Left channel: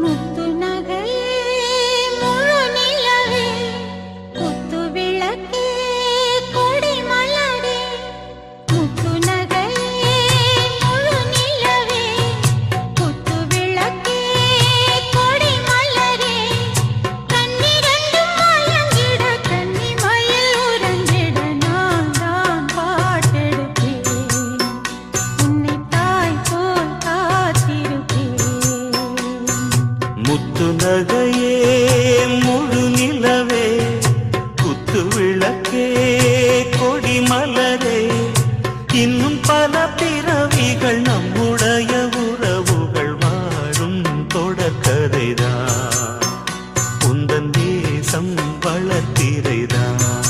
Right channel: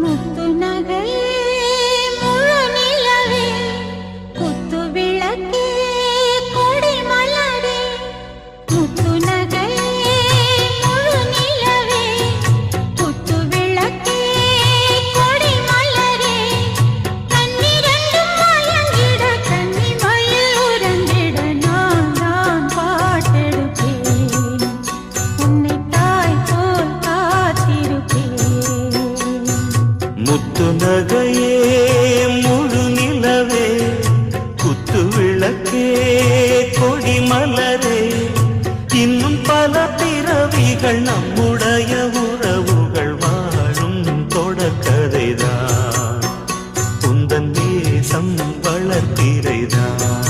முத்து நகையே முழு நிலவே குத்து விளக்கே கொடி மலரே முத்து நகையே முழு நிலவே குத்து விளக்கே கொடி மலரே கண்ணிரண்டும் மயங்கிட கன்னி மயில் உறங்கிட நான் தான் பாட்டெடுப்பேன் உன்னை தாய் போல் காத்திருப்பேன் முத்து நகையே முழு நிலவே குத்து விளக்கே கொடி மலரே இன்னும் பல பிறவிகள் நம்முடைய உறவுகள் வாழும் தொடர்கதைதான் உந்தன் தேசம் வளர்த்திரைதான்